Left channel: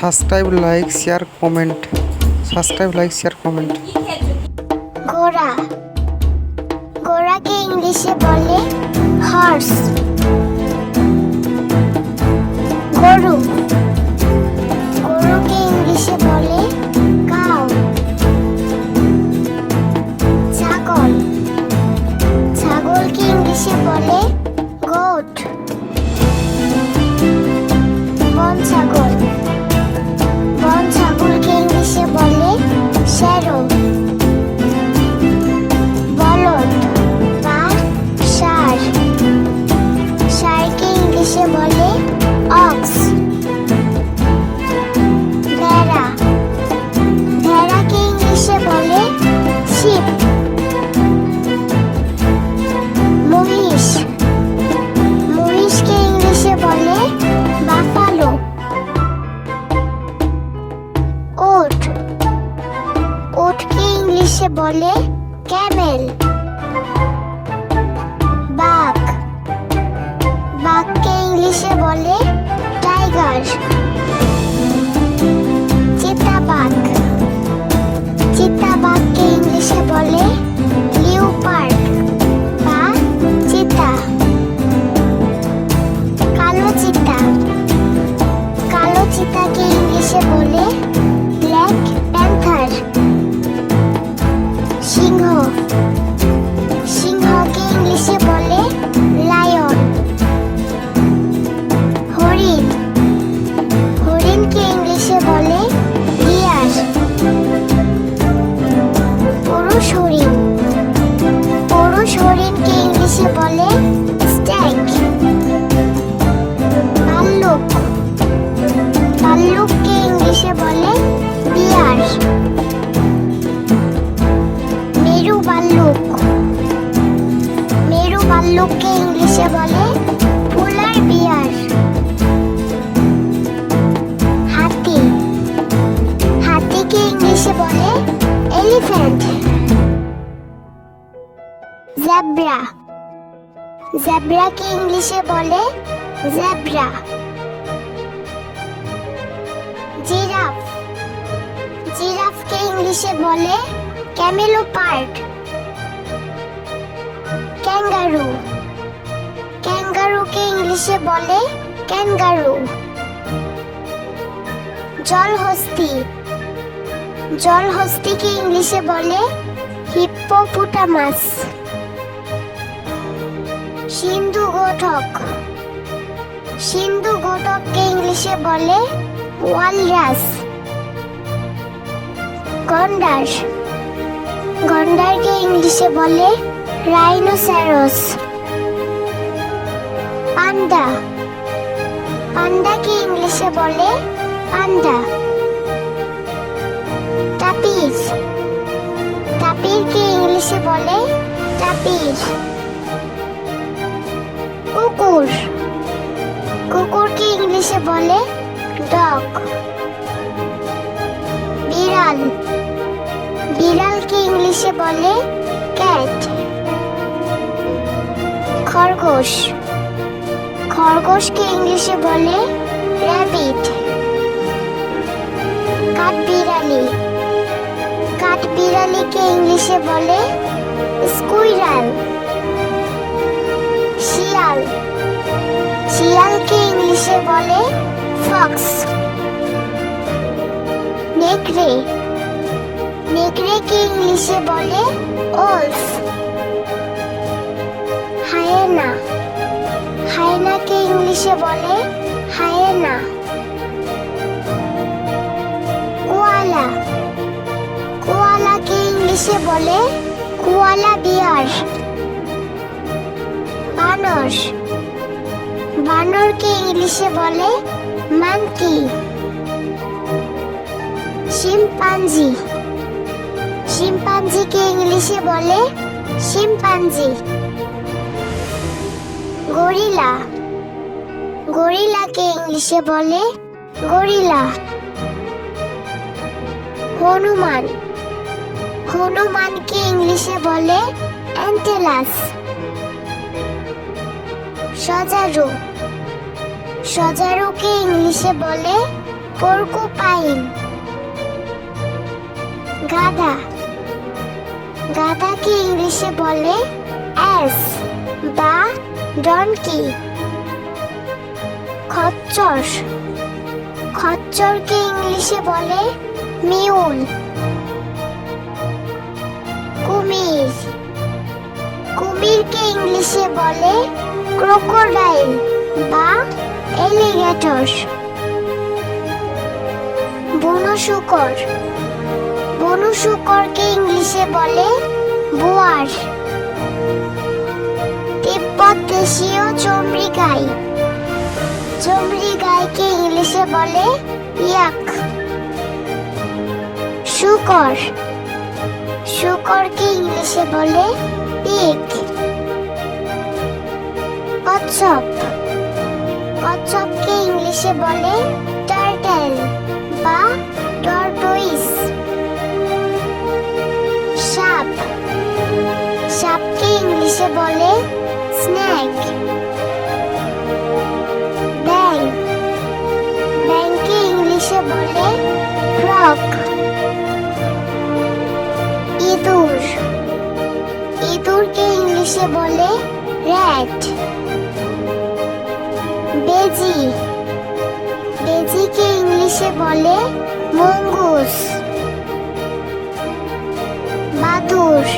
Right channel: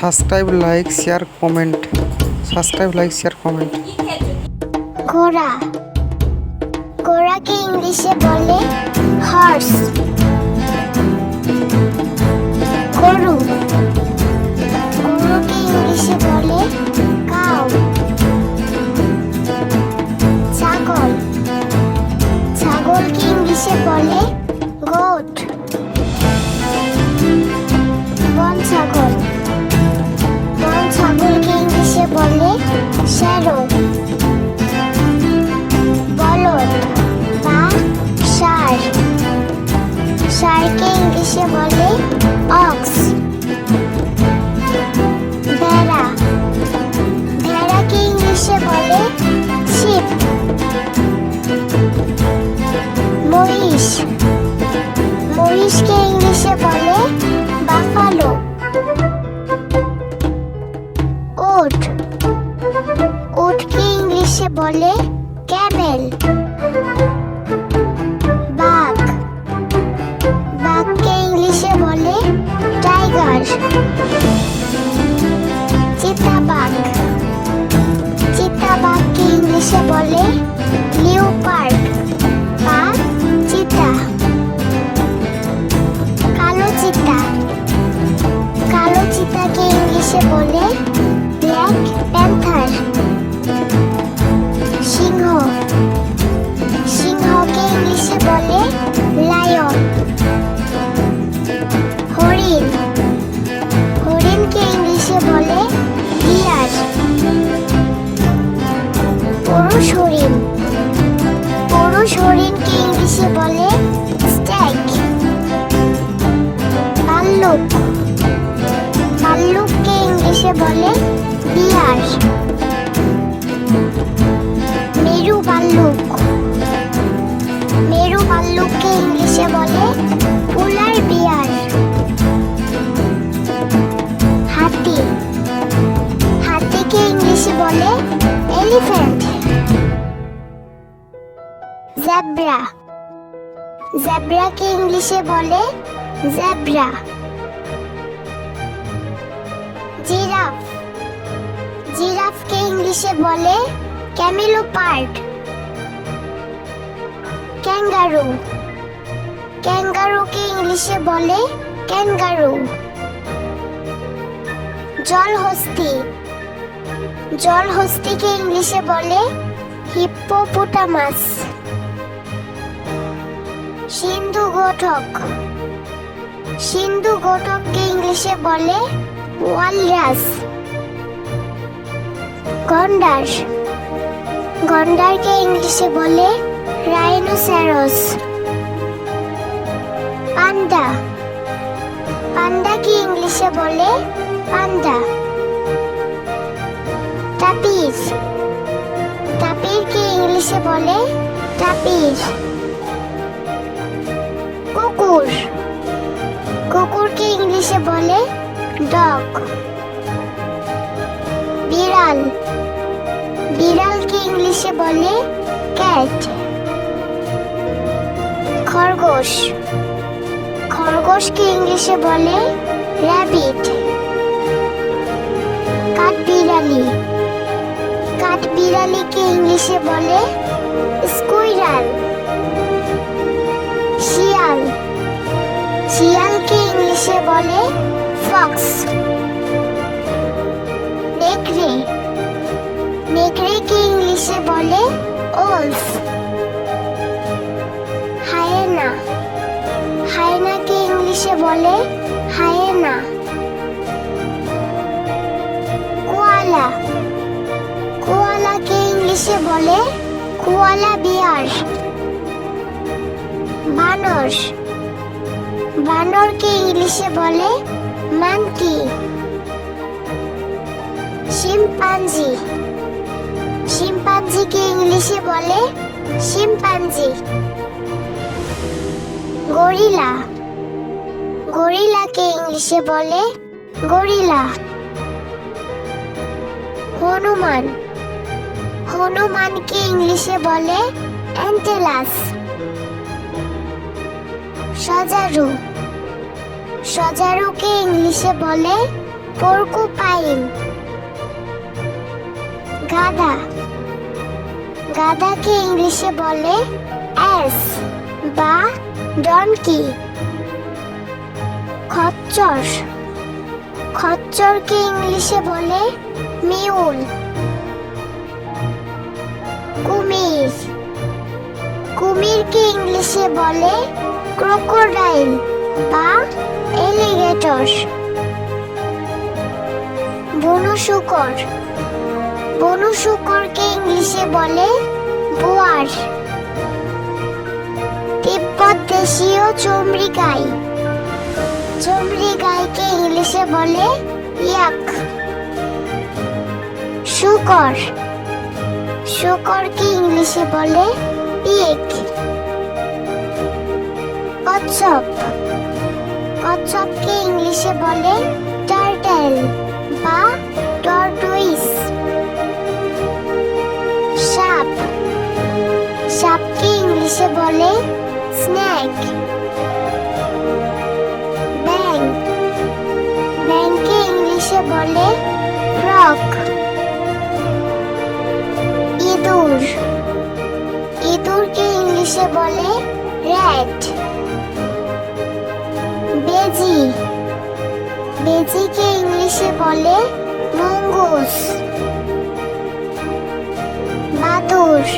Subscribe like share comment ঘোড়া ঘোড়াকে ইংলিশে বলে হর্স। গরু গরুকে ইংলিশে বলে কাউ। ছাগল ছাগলকে ইংলিশে বলে গোট। বন ছাগলকে ইংলিশে বলে শ্যারো। বলদ বা ষাঁড় ষাঁড়কে ইংলিশে বলে অক্স। ভেড়াকে ইংলিশে বলে শিপ। মহিষকে ইংলিশে বলে বাফালো। উটকে ইংলিশে বলে ক্যামেল। বাঘকে ইংলিশে বলে টাইগার। চিতাবাঘকে ইংলিশে বলে লিওপার্ড বা চিতা। কালো চিতাকে ইংলিশে বলে ব্ল্যাক প্যান্থার। সিংহকে ইংলিশে বলে লায়ন। হরিণকে ইংলিশে বলে ডিয়ার। পুরুষ হরিণকে ইংলিশে বলে স্ট্যাগ। ভাল্লুককে ইংলিশে বলে বিয়ার। মেরু ভাল্লুককে ইংলিশে বলে পোলার বিয়ার। হাতিকে ইংলিশে বলে এলিফ্যান্ট। জেব্রাকে ইংলিশে বলে জেব্রা। জিরাফকে ইংলিশে বলে ক্যামেলোপার্ড। ক্যাঙ্গারুকে ইংলিশে বলে ক্যাঙ্গারু। জলহস্তিকে ইংলিশে বলে হিপ্পোপোটামাস। সিন্ধু গোটককে ইংলিশে বলে ওয়ালরাস। গন্ডারকে ইংলিশে বলে রাইনোসেরস। পান্ডাকে ইংলিশে বলে পান্ডা। তাপিরকে ইংলিশে বলে তাপির। কুকুরকে ইংলিশে বলে ডগ। বিড়ালকে ইংলিশে বলে ক্যাট। খরগোশকে ইংলিশে বলে র্যাবিট। কাঠবিড়ালিকে ইংলিশে বলে স্কুইরাল। শিয়ালকে ইংলিশে বলে ফক্স। নেকড়েকে ইংলিশে বলে ওলফ। হায়েনাকে ইংলিশে বলে হায়েনা। কোয়ালাকে ইংলিশে বলে কোয়ালা বিয়ার। বানরকে ইংলিশে বলে মানকি। শিম্পাঞ্জিকে ইংলিশে বলে শিম্পাঞ্জি। গরিলাকে ইংলিশে বলে গরিলা। হনুমানকে ইংলিশে বলে অ্যান্টেলাস। সজারুকে ইংলিশে বলে পর্কুপাইন। গাধা, গাধাকে ইংলিশে বলে অ্যাস বা ডনকি। খচ্চর, খচ্চরকে ইংলিশে বলে মিউল। কুমির, কুমিরকে ইংলিশে বলে ক্রোকোডাইল বা এলিগেটর। বনু শূকর, বনু শূকরকে ইংলিশে বলে বোয়ার। তিব্বত দেশীয় চমড়ি গাই, চমড়ি গাইকে ইংলিশে বলে ইয়াক। শূকর, শূকরকে ইংলিশে বলে পিগ। কচ্ছপ, কচ্ছপকে ইংলিশে বলে টার্টল বা টর্টুইস। সাপ, সাপকে ইংলিশে বলে স্নেক। ব্যাং, ব্যাংকে ইংলিশে বলে ফ্রগ। ইঁদুর, ইঁদুরকে ইংলিশে বলে র্যাট। বেজি, বেজিকে ইংলিশে বলে মঙ্গুস। বাদুড়,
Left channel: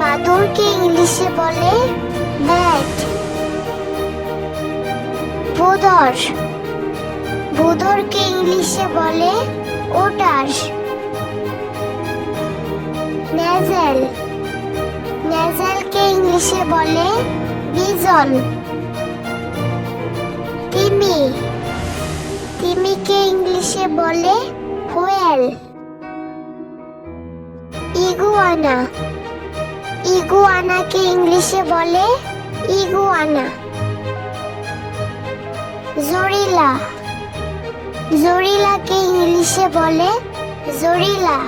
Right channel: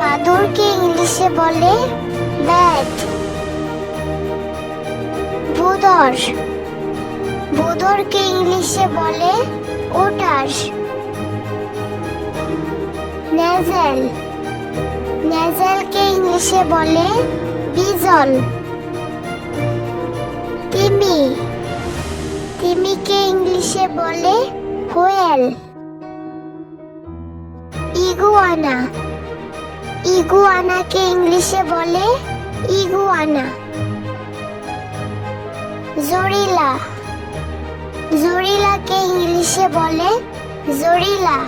বাদুড়কে ইংলিশে বলে ব্যাট। ভোঁদর, ভোঁদরকে ইংলিশে বলে ওটার। নেজেল, নেজেলকে ইংলিশে বলে বিজল। তিমি, তিমিকে ইংলিশে বলে হোয়েল। ইগুয়ানা, ইগুয়ানাকে ইংলিশে বলে ইগুয়ানা। জরিলা, জরিলাকে ইংলিশে বলে জরিলা।